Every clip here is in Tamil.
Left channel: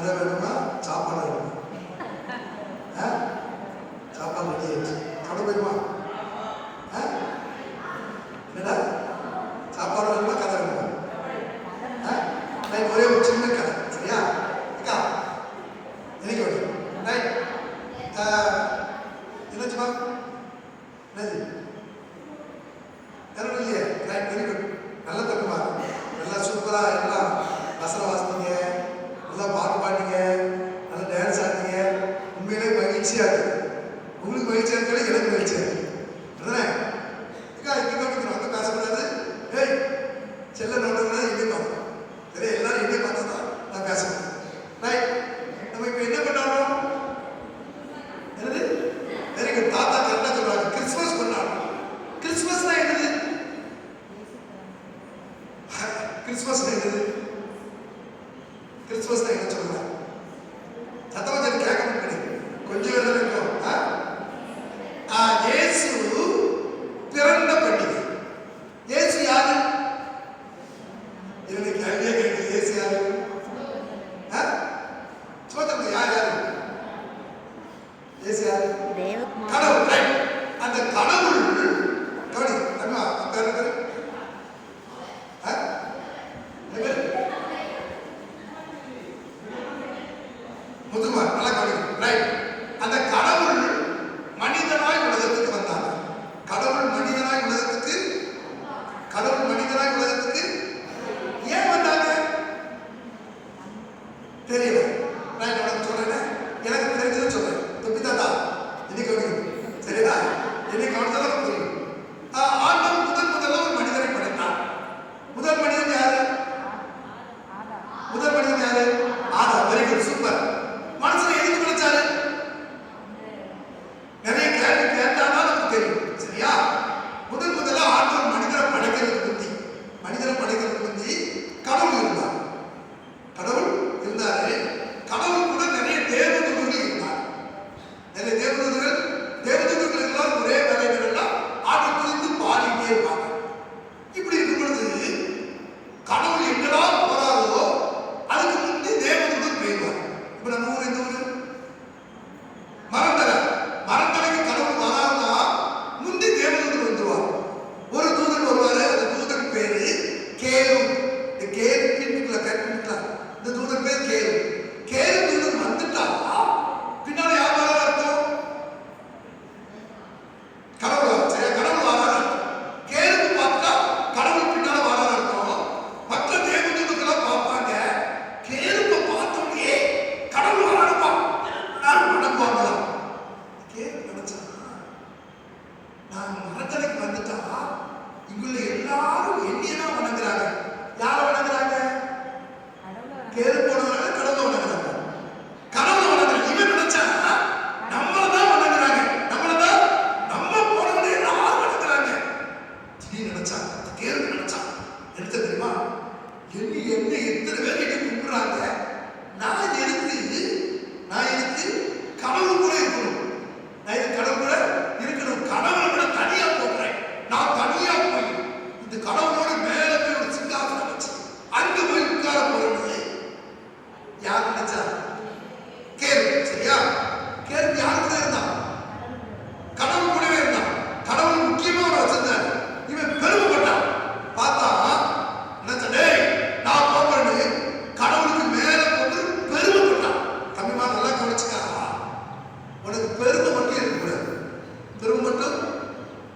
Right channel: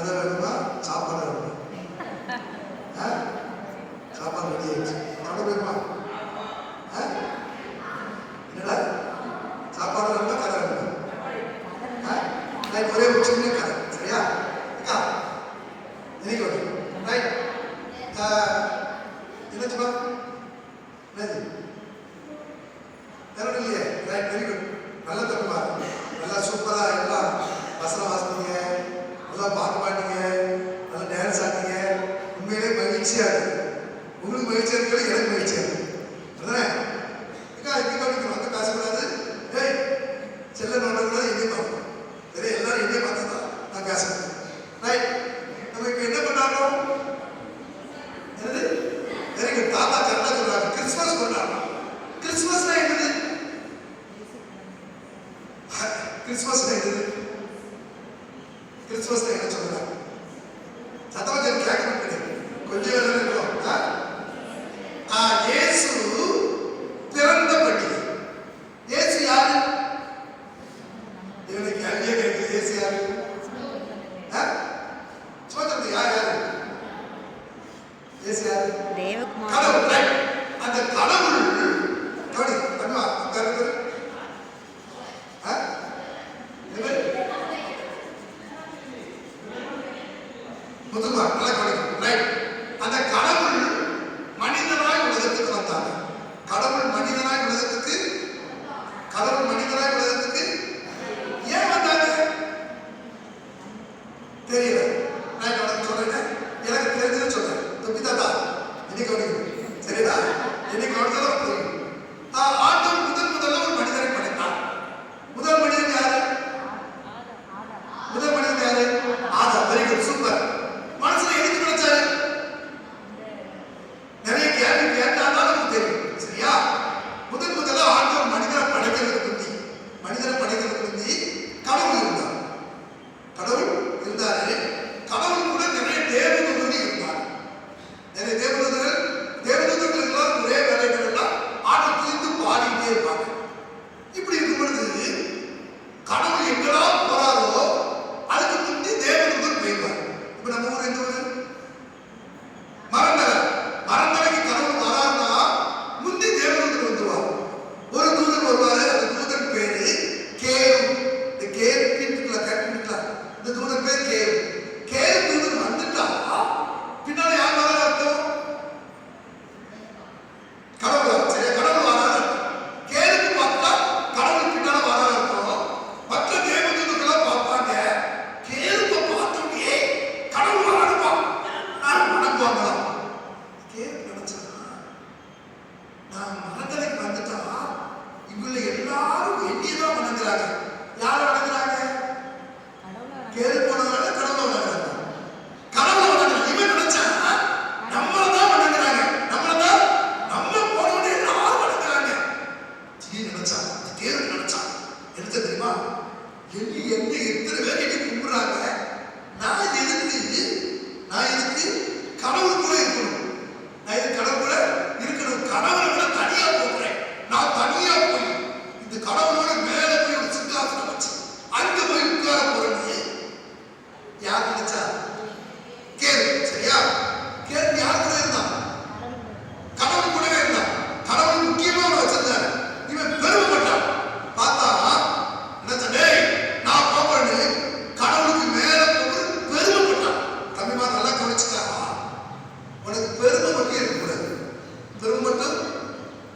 கதை வேணுமா? சாப்பாடு வேணுமா? சாப்பாடு ரெடி ஆயிடுச்சு. கதை வேணுமா? என்னடா சாப்பாடு வேணுமா கதை வேணுமா? ஒரே ஒரு சின்ன கதை, சரியா? அக்கா எனக்கு வரும் ரைட். என்னாச்சுமா? என்னது வேற இல்லையே? Right, very good. நல்ல தப்புமா, நல்லா சூப்பரா எல்லாம் வசனம் வாசித்தீங்க, நல்லா பாட்டு பாட்டீங்க, நல்லா டான்ஸ் ஆடினீங்க. உண்மையிலே மகிழ்ச்சியா இருக்கு. உங்களுக்கு மகிழ்ச்சியா இருக்கிறது எனக்கு மகிழ்ச்சியா இருக்கு. அதானே? இன்னைக்கு வந்து பேசக்கூடாது. ஏய் செல்ல நோட்டம்னா எங்கே பார்க்கணும்? சரி, எல்லாரும் எங்கே பார்த்தா தான் நான் பேசணும். ரைட், நம்ம இப்போ என்ன பண்ணாலும் என்னது வெரி குட். தாத்தா கரெக்டாக சொல்றாங்க, கிறிஸ்துமஸ் கொண்டாடணும். கிறிஸ்துமஸ்னா என்னது? கிறிஸ்துமஸ்னா என்னது? கிறிஸ்துமஸ்னா என்ன சொல்றாங்க? சத்தமா சொல்லி கேட்கணும் கிடையாது. கொஞ்சம் வேலை இருக்கும். இயேசு பிறந்த பண்டிகை. இயேசு யாரு? என்னுடைய கேள்வியே கேட்கு. இயேசு யாரு? சொல்லுங்க, யார் யாரு? இயேசு யாரு? கடவுள். அந்த கடவுள் கவனி அம்மா முதுமா நல்லா கவனிக்கணும். ரைட், அந்த கடவுள் மனிதனாய் உலகத்துக்கு வந்தாங்க. கடவுள் மனிதனாய் உலகத்துக்கு ஏன் வந்தாங்க தெரியல. நான் உனக்கு சொல்றேன், எனக்கு தெரிஞ்சது சொல்றேன். தாத்தா இன்னைக்கு கவனிக்கணும், சரிடா? இன்னைக்கு கவனிச்சாலும் புரியும். ஆண்டவன் முதல்ல ஒரு மனிதனை படைத்தார். முதல் மனிதன் யாரு? ஆதாம். Very good, super. மனுஷனை எதுக்கு படைச்சாரு? நிறைய கேள்வி கேட்டாதான் நமக்கு தெரியும், சரியா? முதல்ல ஆண்டவன் மனிதனை படைக்கிறதுக்கு முந்தி கடவுள் இருந்தார். கடவுள் கூட நிறைய தேவதூதர்கள் இருந்தார். நிறைய தேவதூதர்கள் எல்லாம் ஒரே வேலைகள் ஆட்டத்திலிருந்து பாடிட்டே இருப்பாங்க. இப்படி இருக்கும் பொழுது கடவுள் எங்கடா போறாரோ அதுக்கு முந்தி தேவதூதர் போயிடுவார். இப்ப நம்ம ஊர் எந்த ஊர்? மரந்தலைக்கு கடவுள் வராருன்னா முந்தி தேவதூதர் வந்துருவார். ஒரு தூதர் வருவாரு. அந்த தூதர் பேரு கேரு. இந்த கேரு இந்த தூதர் பேர் கேரு தூதர் வந்துட்டா பின்னாடி யார் வர இருக்கும்? கடவுள். சரியா? கடவுள் வராரு. கேருக்கு பார்த்தா கடவுள் பின்னால வர இருக்கும். மற்ற தேவதூதர்கள்லாம் பார்ப்பாங்க. கேருப்ப பார்த்தோம்யே கடவுள் வராதுப்பா, நான் வணங்குவாங்களாம். கேரு நினைச்சா நான் மரத்தலைக்கு வந்துட்டா இவங்கள எல்லாரும் என்னையதான் வணங்குறாங்க. யாரை வணங்குறாங்க? கேரு போனவங்க கடவுளை வணங்குறாங்க. இவன் நினைச்சா நம்மளதான் வணங்குறாங்க. நம்ம போனவங்க எல்லாரும் வணங்குறாங்க. நினைச்சா கேரு நினைச்சா எடுத்த தெரியுமா? என்ன எத்தனை பேர் என்னை கும்பிடுறாங்க. நான் எதுக்கு கடவுள் கூட இருக்கணும். கடவுளை விட தனியா போகிறேன். நான் தனியா போய் இந்த கடவுளோட மேல போய் ஒரு சிங்காசனம் வச்சு அங்க போய் உட்கார போறேன். யார் நினைச்சா? கேரு. சரியா? கேரு யார் கூட இருந்தான்? கடவுள் கூடவே இருந்தான். கடவுள் முக்கியமா ஒரு வச்சிருந்தார். இவன் பெருமைப்பட்டான். பார்த்தா நினைச்சா நான் போறேன்னு கடவுளுக்கு மேல போகுது பெருமைப்பட்டான். தமிழ்மா நல்லா கவனிச்சுக்கா. உனக்கு பெருமை மட்டும் இருக்கக்கூடாது. பெருமை மட்டும்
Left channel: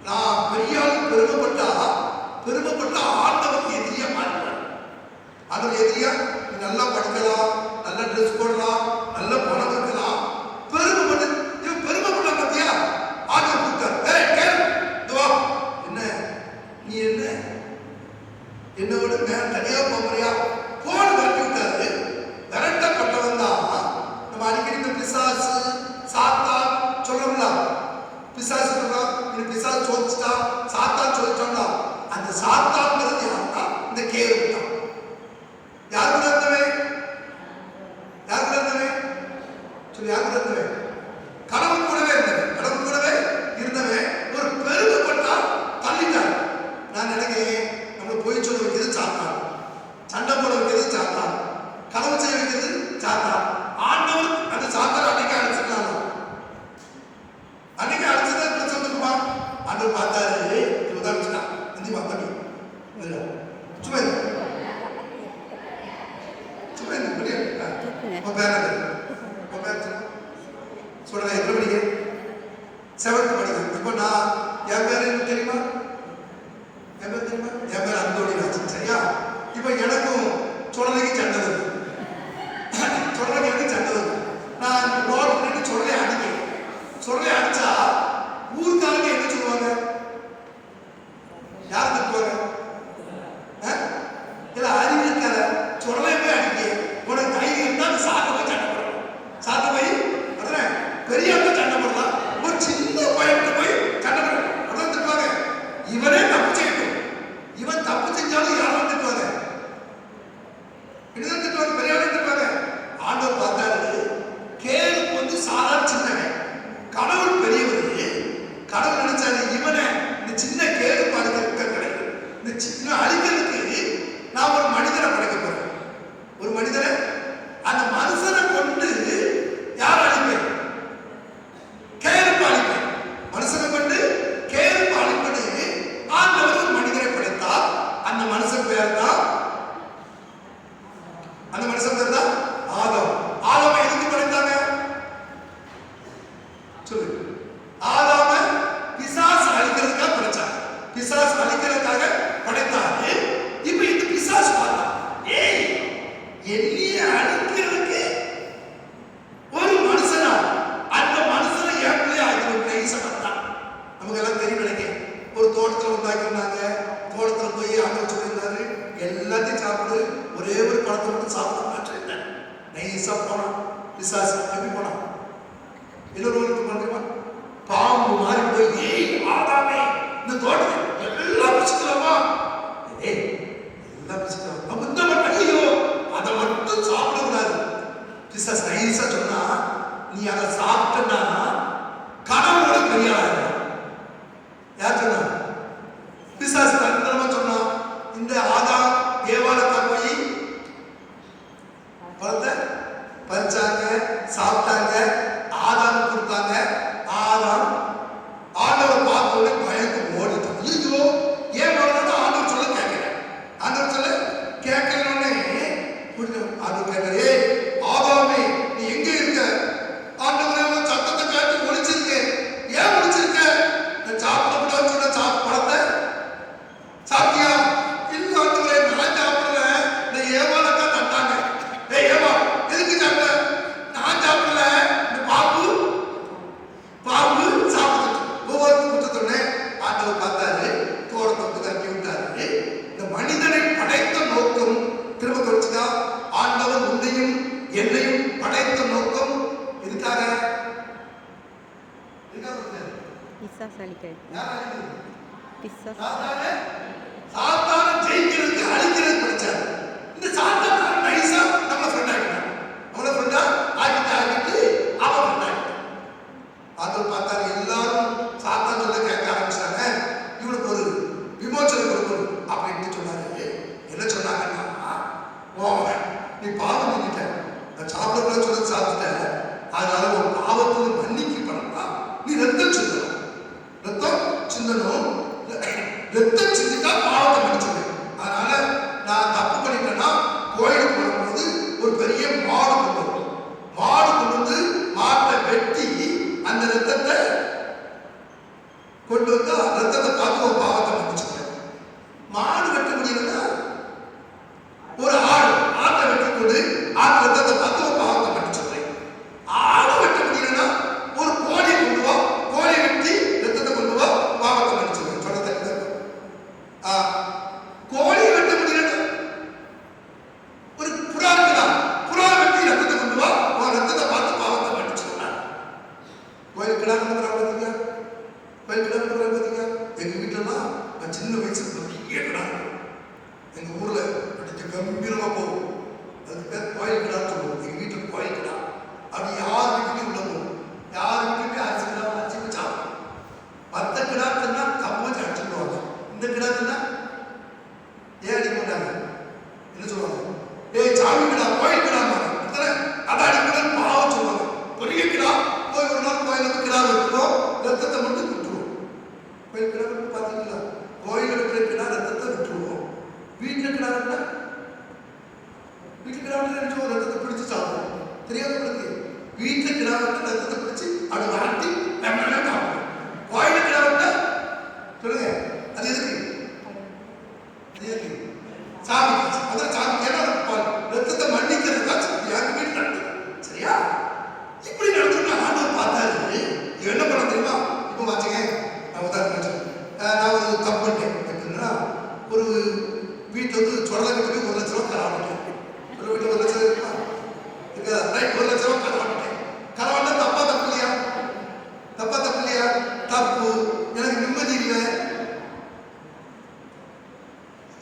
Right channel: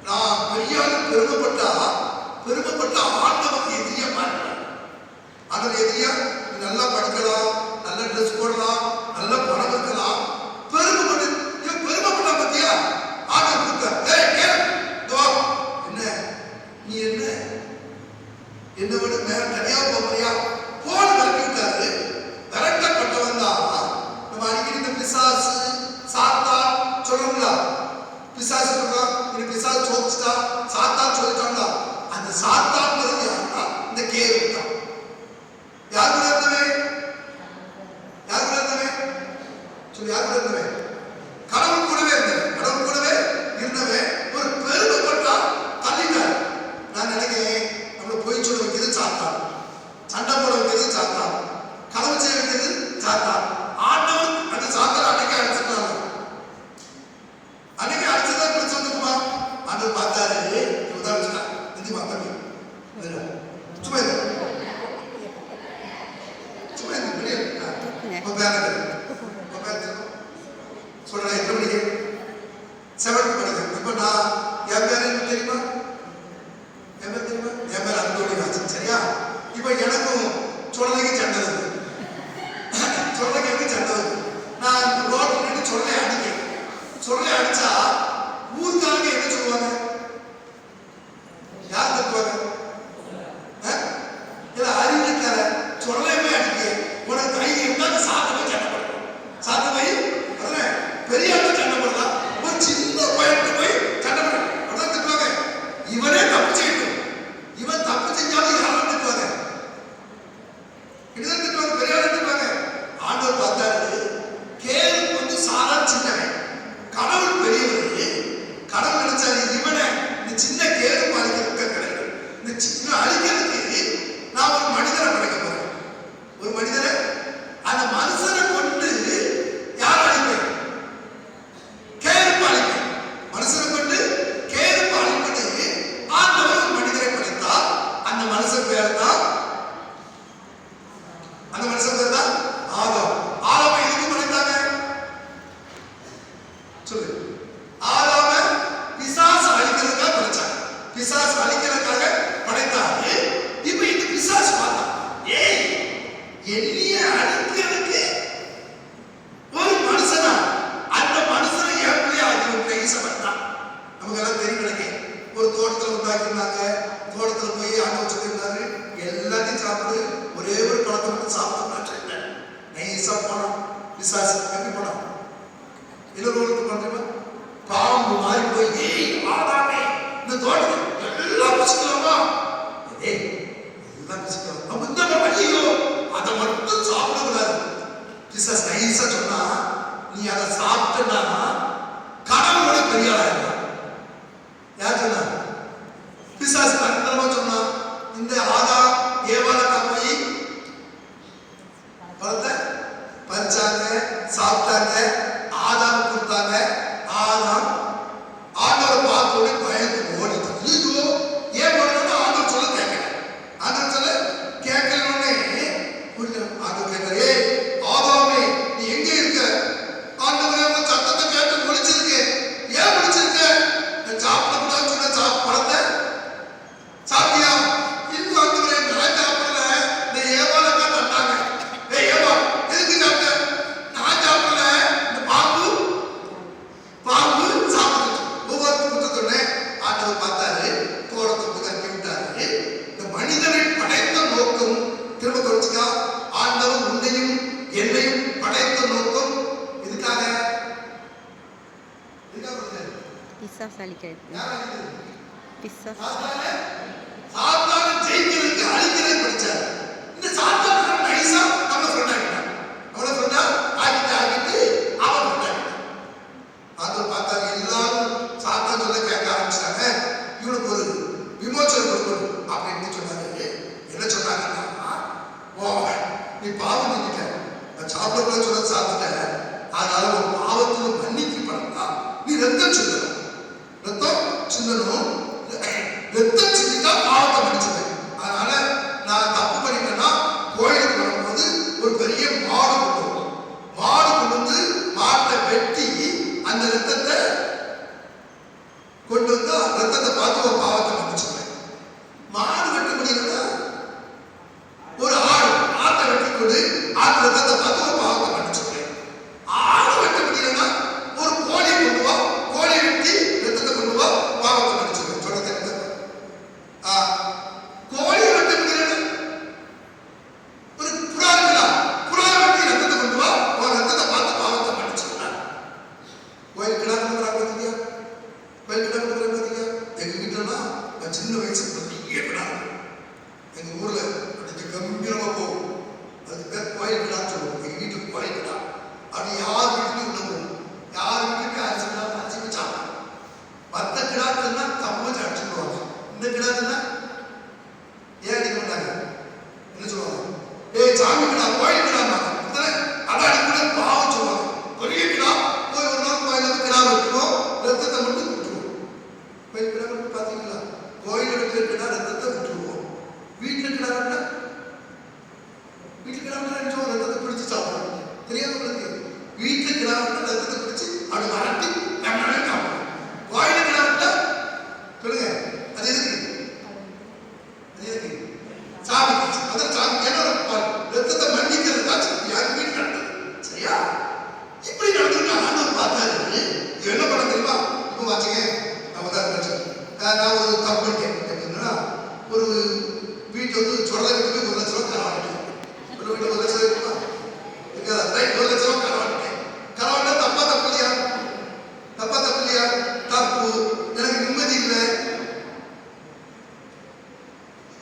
நான் பெரியாலும் பெருமைப்பட்டா ஆண்டவனுக்கு எதிரியா மாறுவேன். அதில் எதிரியா நல்லா படிக்கலாம், நல்ல ட்ரெஸ் போடலாம், நல்ல பணம் இருக்கலாம். பெருமைப்பட்டு பெருமைப்பட்டா பத்தியா ஆண்டவன் கொடுத்தார். நீ என்ன விட தனியா போறியா? போன கட்டி விட்டாரு. விரட்டப்பட்டவன் தான். நம்ம அடிக்கடி இந்த பிசாசு சாத்தா சொல்லணும்ல. பிசாசு சோதிச்சுட்டா, சாத்தான் சொல்லிட்டான்டா. அந்த சாத்தான் யாருன்னா இந்த கேரு தான். யார் கூட இருந்தவன்? சொல்லி யார் கூட இருந்தவன்? கடவுள் கூடவே இருந்தவன். ஒரு பெருமைப்பட்டா தள்ளிட்டார். நான் நினைக்கிறேன் நம்மளை போய் சொல்ல வைக்கிறது சாத்தான், சண்டை போட வைக்கிறது சாத்தான், களவு செய்ய வைக்கிறது சாத்தான். உன் பேர உன் பேர் சொல்றேன். எத்தனை மணிக்கு? 7th படிக்கிறேன். இப்போ நான் என் பேர் என்ன தெரியுமா? என் பேர் தெரியுமா? என் பேர் அந்தோணி ராஜன். சரியா? இப்போ எனக்கும் சொல்றதுக்கு சண்டை வருது. சொல்றதுக்கு எனக்கு சண்டை வருது. நான் ரோட் பண்ணிட்டு சொல்றேன் அடிக்கிறேன். சொல்றேன் அடிச்சா ஊருக்காரங்க என்ன சொல்லுவாங்க? யார் தட்டுவாங்க? இல்ல அறிவிக்கல சொல்லவே அடிக்க உனக்கு தைரியம் இருந்தா சாத்த போய் சண்டை போடணும். சாத்த போய் அதான் பெரிய சண்டை போடலாம். ஒரு சின்ன பையன் போய் சண்டை போடணும். உடனே திட்டுவாங்க. இவனே தப்பு செய்யணும். இவன் தப்பு செஞ்சாலும் யாரும் திட்டுவாங்க. இதுதான் திட்டுவாங்க. பெரிய ஆளு திட்டுவாங்க. ஆண்டவர் பார்த்தாரு, கேளுக்கு வந்து சாதாரண சின்னவன், கடவுள் பெரியவர். கடவுள் நினைச்சாரு இவனை இந்த சின்ன கேளு பாருங்க கிடைக்கும். இந்த சின்ன அழிக்கிறதுக்கு நான் ஒரு மனிதனை படைக்க போறேன். ஒரு மனிதனை, அந்த மனுஷனை கொண்டு யார் அழிப்பேன்? கேருப்பு அழிப்பேன். மனுஷனை கொண்டு கேருப்பு அழிப்பது. ஆண்டவர் ஒரு மனிதனை படைத்தால் அந்த மனுஷன் பேர் தான் ஆதாம். ஆதாமை எதுக்கு படைத்தாங்க? சொல்லு. ஆதாமை பிசாசு அழிக்கிறதுக்காக படைச்சாங்க. பிசாசு அழிக்கிறதுக்காக படைத்தாங்க. இப்ப இந்த பிசாசு பார்த்தா, ஏய் என்னைய அழிக்கிறதுக்கு ஒரு மனுஷனா, அந்த மனுஷனை எப்படி ஆகிய ஈசப்பட்டான். நமக்கு எல்லாம் தெரியும் நினைக்கிறேன். ஒரு தோட்டத்தில் உண்டாக்கிருந்தாங்க. தோட்டத்தில் போய் ஆண்ட வச்சுருந்தாரு. எல்லாத்தையும் சாப்பிடு, ஒரே ஒரு பழத்தை மட்டும் சாப்பிட மாட்டேன். நைஸா போனான் பிசாசு. எப்படி போனான்? எதிர்கொண்டு பண்றோமா? பாம்பு மாறி போய், ஏய் ஆதாமே இந்த தோட்டத்தில் எல்லாம் பிடிச்சிக்கலாமா? ஏய் எல்லாம் பிடிச்சிக்கலாம். நம்ம இந்த ஐயோ அதை மட்டும் சாப்பிடக்கூடாது. பிசாசு நைஸா சொன்னா, நீ அதை சாப்பிட்டனா கடவுளோட பெரிய ஆளாயிருந்தான். யார் சொன்னா? பிசாசு தண்டமா சொன்னா. இந்த ஆதாம் ஏவாளத்தை போய் பழத்தை பறிச்சாங்க, சாப்பிட்டாங்க, ஆதாம் கொடுத்தாங்க. ஆதாம் ஆண்டவர் பார்த்தோன்னே பயந்து ஓடுது. ஐயோ ஏன் ஓடணும்? ஆண்டவர் சொல்ல கேட்கல. ஆண்டவர் சொல்ல கேட்கலன்னே ஆண்டவர் கேட்கறே, ஆதாமே நீ எங்க இருக்க? ஆண்டவரே சத்தத்தை கேட்டு முடிச்சிருக்கேன். ஏன் முடிச்சிருக்க? நான் சாப்பிடக்கூடாதுன்னு சொன்ன பழத்தை சாப்பிட்டியா? இன்னும் ஆண்டவரே நான் சாப்பிடல. இந்த ஏவாளக்கா தட்டாங்க. ஏய் ஏவா எதுக்கு சாப்பிட்ட? நான் சாப்பிடல. இந்த பாம்பு சாப்பிடுச்சு. ஒவ்வொரு குற்றத்தோடனே ஆண்டவர் பார்த்தாரு, தோட்டத்தை கட்டி விட்டாரு. இந்த மனிதனை படைத்த நோக்கம் திரும்ப தொடர்ச்சிக்கா. ஆண்டவர் உன்னையும் என்னையும் படைத்த நோக்கம் இதுக்காக பிசாசு அழிக்கிறது. சாத்தானை ஜெயிக்கிறதுக்கு அழிக்கிறது படிச்சாரு. இந்த சாத்தான நைஸா நம்மள ஃப்ரெண்ட் ஆகிட்டான். நம்மள ஃப்ரெண்டா ஆகிட்டு அவன் ஃப்ரெண்ட் ஆகிட்டான். அது பார்த்தாரு, எல்லாரும் சாத்தான் சொல்ல கேட்க ஆரம்பிச்சிட்டாங்க. இவனுக்கு ஒரு விமோச்சனம் கொடுக்கணும் அப்படின்னு சொன்னாரு. என்ன சொன்னாங்கன்னா, நீ பாவம் நீங்கிட்ட, நான் சாப்பிடக்கூட சொல்ல சாப்பிட்ட, அதனால ஒரு பாவத்துல மன்னிக்கு பண்ணலாம். நீ ரத்தம் சிந்தணும். ரத்தம் சிந்திட்டா பாவத்தை மன்னிச்சுது. அதனால நான் தப்பு பண்ணிட்டேன்னா கோயிலுக்கு வரும்போது ஒரு பெரிய மாடு கொண்டு வந்து மாட்டை வெட்டி அந்த ரத்தத்தை கொண்டு வந்து ரத்தத்தை பார்த்து ஒரு பாவத்தை மன்னிச்சுக்கிறேன். மாடு வெட்ட முடியலன்னா ஒரு ஆட்டை வெட்டி கொண்டு ஆட்டு ரத்தத்தை பார்த்து ஒரு பாவத்தை மன்னிச்சுக்கிறேன். ஆடு வெட்ட முடியலன்னா ஒரு கோழி கொண்டு வா, கோழி வெட்டி தெரியாது உங்களுக்கு? வீட்டில் கிடாவிட்டு ரத்தத்தை பிடிச்சி அது வரட்டி வாயில கிடாவிட்டா சொல்லுங்க, அது எதுக்கு? அது எதுக்கு? சாமி, அதான் சாமி கேட்டா ரத்தத்தை மன்னிக்கிறதுக்கா யாருக்கு வீட்டு நடந்தது. சரியா? இப்படி நடந்துட்டு ஆண்டவர் பார்த்தாரு. இவன் என்ன பண்ண தெரியுமா? இப்போ வாச்சுங்க, நான் ஒரு தப்பு பண்ணிட்டேன். எப்படின்னா, ஒரு வீட்டில் வந்து சொல்ல கட்டுக்கு 1 லட்ச ரூபா ஆரம்பிக்கும். ஒரு வீட்டில் 1 லட்சம் இருக்குமா? இருக்காதா? ரைட், 1